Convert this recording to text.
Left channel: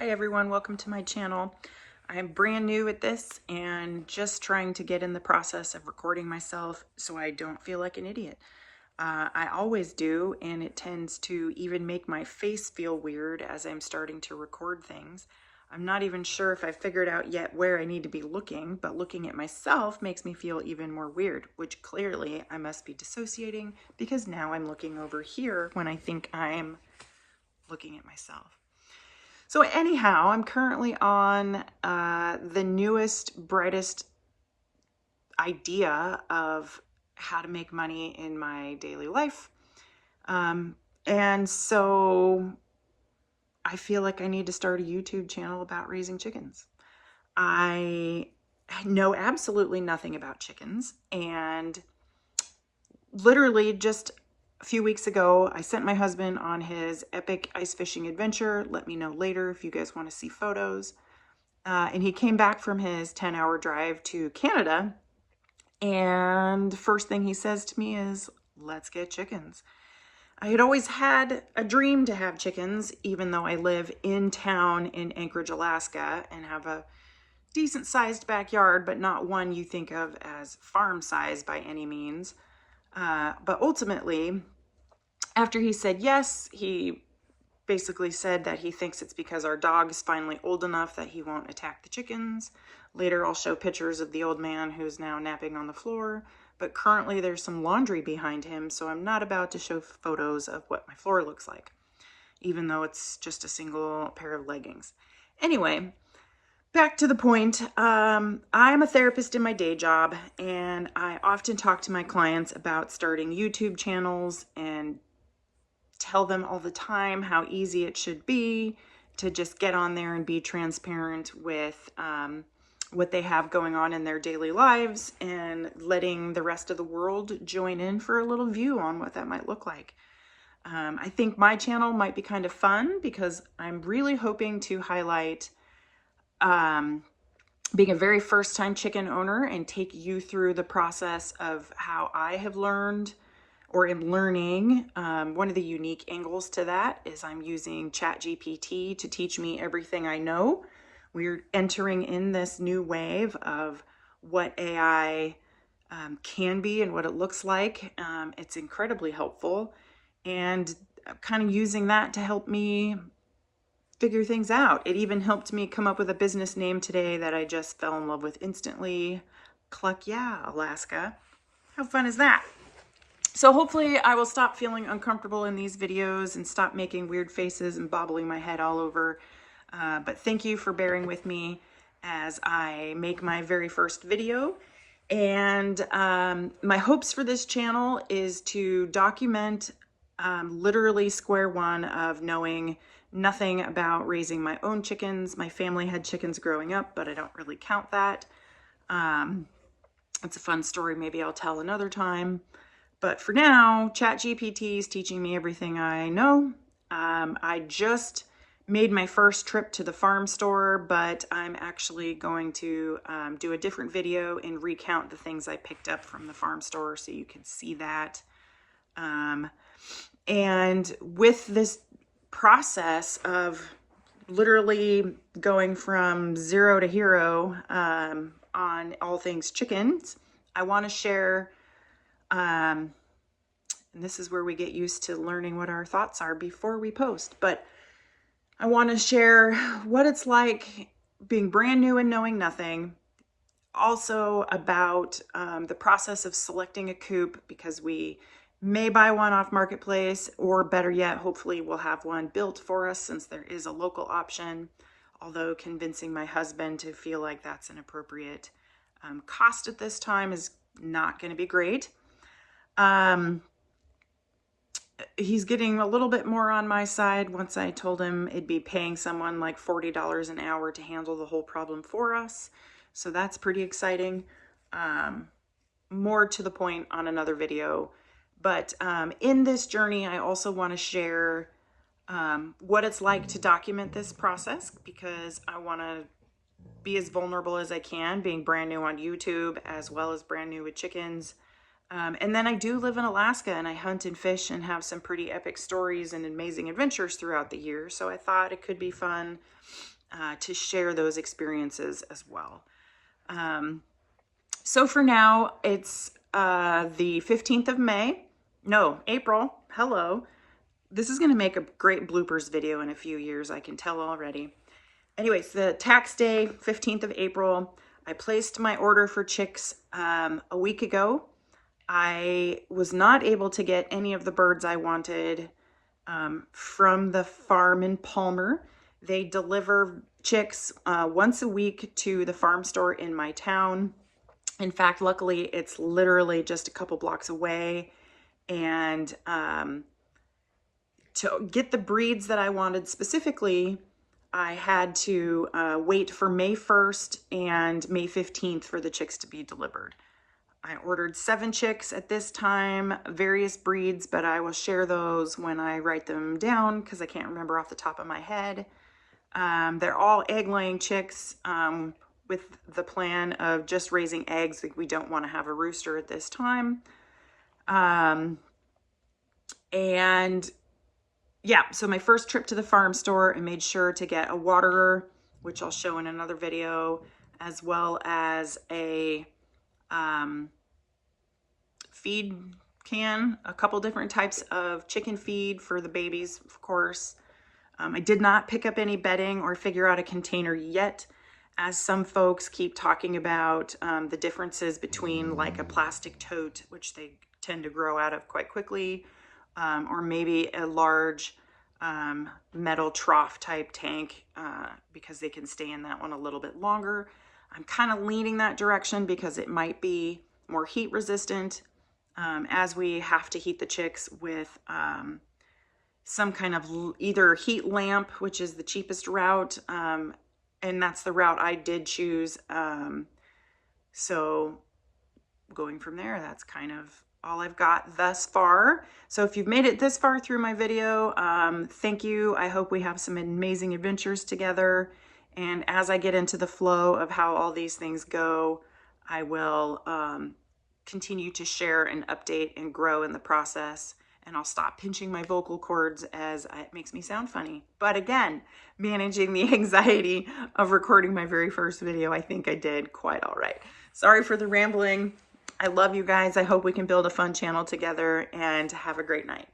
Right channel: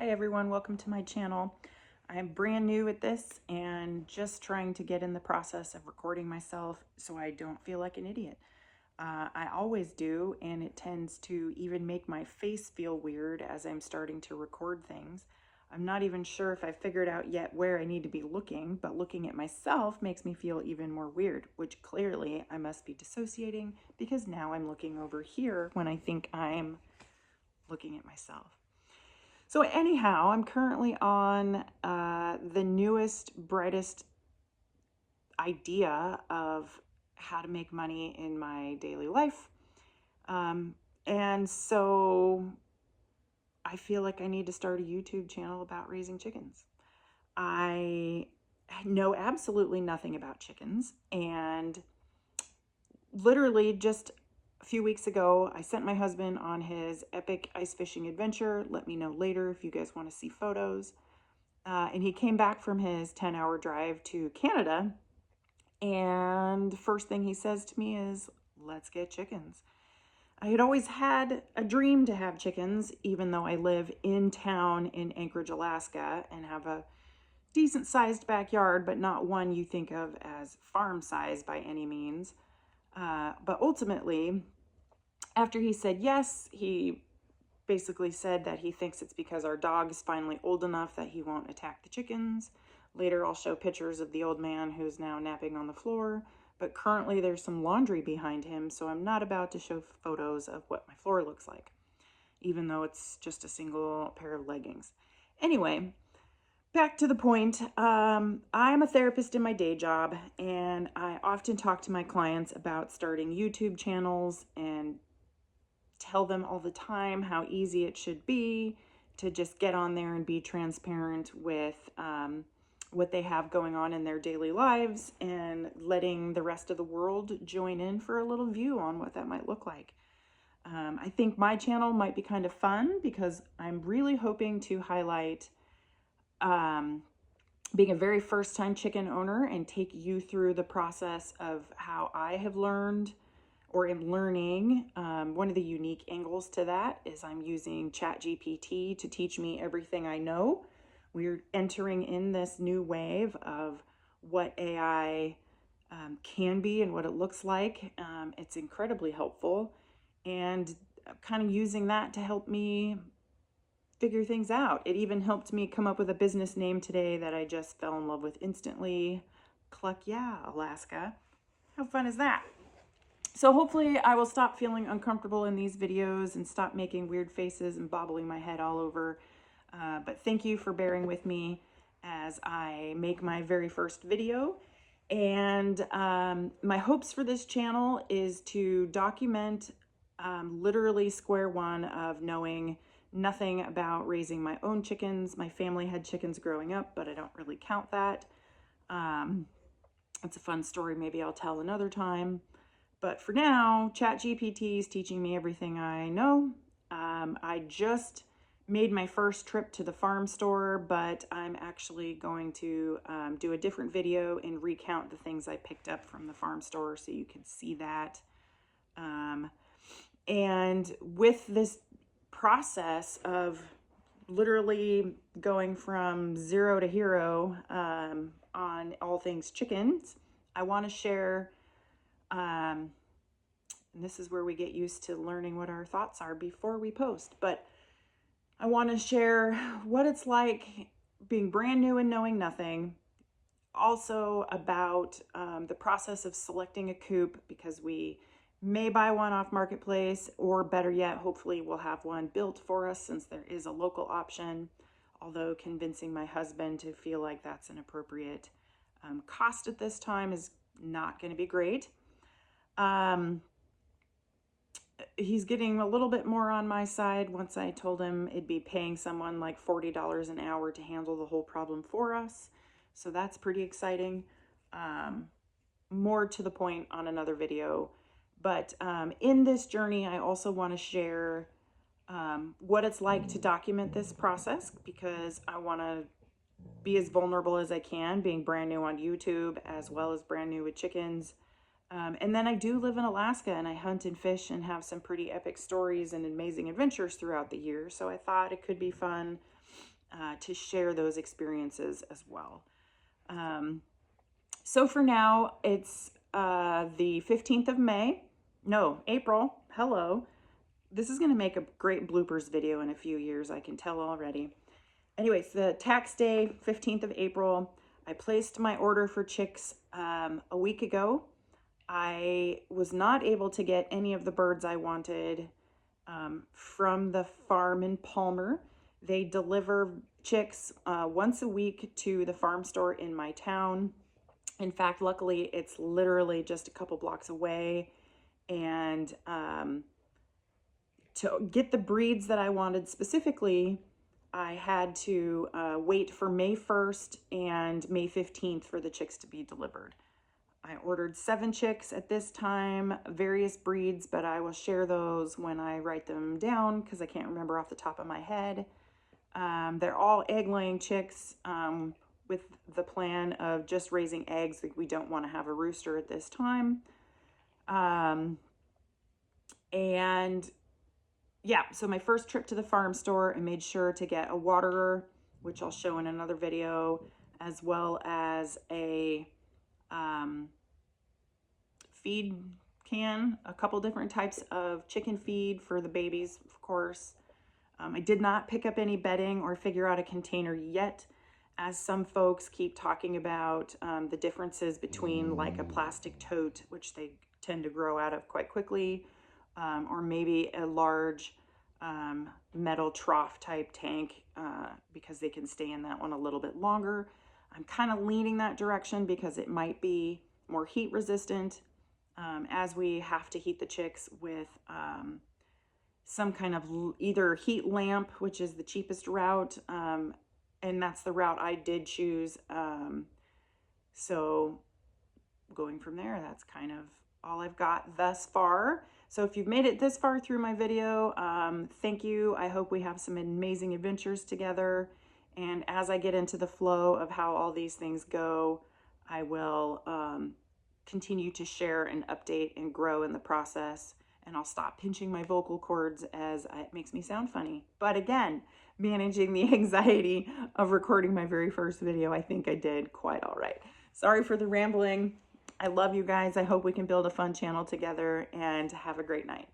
Hi everyone, welcome to my channel. I'm brand new at this and just trying to get in the process of recording myself so I don't feel like an idiot. I always do, and it tends to even make my face feel weird as I'm starting to record things. I'm not even sure if I figured out yet where I need to be looking, but looking at myself makes me feel even more weird, which clearly I must be dissociating because now I'm looking over here when I think I'm looking at myself. So anyhow, I'm currently on the newest, brightest idea of how to make money in my daily life. And so I feel like I need to start a YouTube channel about raising chickens. I know absolutely nothing about chickens, and literally just a few weeks ago, I sent my husband on his epic ice fishing adventure. Let me know later if you guys want to see photos. And he came back from his 10-hour drive to Canada, and the first thing he says to me is, let's get chickens. I had always had a dream to have chickens, even though I live in town in Anchorage, Alaska, and have a decent sized backyard, but not one you think of as farm size by any means. But ultimately, after he said yes, he basically said that he thinks it's because our dog is finally old enough that he won't attack the chickens. Later, I'll show pictures of the old man who's now napping on the floor, but currently there's some laundry behind him, so I'm not about to show photos of what my floor looks like, even though it's just a single pair of leggings. Anyway, back to the point. I'm a therapist in my day job, and I often talk to my clients about starting YouTube channels and tell them all the time how easy it should be to just get on there and be transparent with what they have going on in their daily lives and letting the rest of the world join in for a little view on what that might look like. I think my channel might be kind of fun because I'm really hoping to highlight being a very first time chicken owner and take you through the process of how I have learned or am learning. One of the unique angles to that is I'm using ChatGPT to teach me everything I know. We're entering in this new wave of what AI can be and what it looks like. It's incredibly helpful, and I'm kind of using that to help me figure things out. It even helped me come up with a business name today that I just fell in love with instantly. Cluck yeah, Alaska. How fun is that? So hopefully I will stop feeling uncomfortable in these videos and stop making weird faces and bobbling my head all over. But thank you for bearing with me as I make my very first video. And my hopes for this channel is to document literally square one of knowing nothing about raising my own chickens. My family had chickens growing up, but I don't really count that. It's a fun story maybe I'll tell another time. But for now, ChatGPT is teaching me everything I know. I just made my first trip to the farm store, but I'm actually going to do a different video and recount the things I picked up from the farm store so you can see that. And with this process of literally going from zero to hero on all things chickens, I want to share and this is where we get used to learning what our thoughts are before we post. But I want to share what it's like being brand new and knowing nothing. Also about the process of selecting a coop, because we may buy one off Marketplace, or better yet, hopefully we'll have one built for us since there is a local option. Although convincing my husband to feel like that's an appropriate cost at this time is not going to be great. He's getting a little bit more on my side once I told him it'd be paying someone like $40 an hour to handle the whole problem for us. So that's pretty exciting. More to the point on another video. But in this journey, I also want to share what it's like to document this process, because I want to be as vulnerable as I can, being brand new on YouTube as well as brand new with chickens. And then I do live in Alaska, and I hunt and fish and have some pretty epic stories and amazing adventures throughout the year. So I thought it could be fun to share those experiences as well. So for now, it's the 15th of May. No, April. Hello. This is going to make a great bloopers video in a few years, I can tell already. Anyways, the tax day, 15th of April. I placed my order for chicks a week ago. I was not able to get any of the birds I wanted from the farm in Palmer. They deliver chicks once a week to the farm store in my town. In fact, luckily, it's literally just a couple blocks away. And to get the breeds that I wanted specifically, I had to wait for May 1st and May 15th for the chicks to be delivered. I ordered 7 chicks at this time, various breeds, but I will share those when I write them down because I can't remember off the top of my head. They're all egg-laying chicks with the plan of just raising eggs. We don't want to have a rooster at this time. And yeah, so my first trip to the farm store, I made sure to get a waterer, which I'll show in another video, as well as a feed can, a couple different types of chicken feed for the babies, of course. I did not pick up any bedding or figure out a container yet, as some folks keep talking about the differences between like a plastic tote, which they tend to grow out of quite quickly, or maybe a large metal trough type tank because they can stay in that one a little bit longer. I'm kind of leaning that direction because it might be more heat resistant as we have to heat the chicks with some kind of either heat lamp, which is the cheapest route, and that's the route I did choose. So going from there, that's kind of all I've got thus far. So if you've made it this far through my video, thank you. I hope we have some amazing adventures together. And as I get into the flow of how all these things go, I will continue to share and update and grow in the process. And I'll stop pinching my vocal cords as it makes me sound funny. But again, managing the anxiety of recording my very first video, I think I did quite all right. Sorry for the rambling. I love you guys. I hope we can build a fun channel together, and have a great night.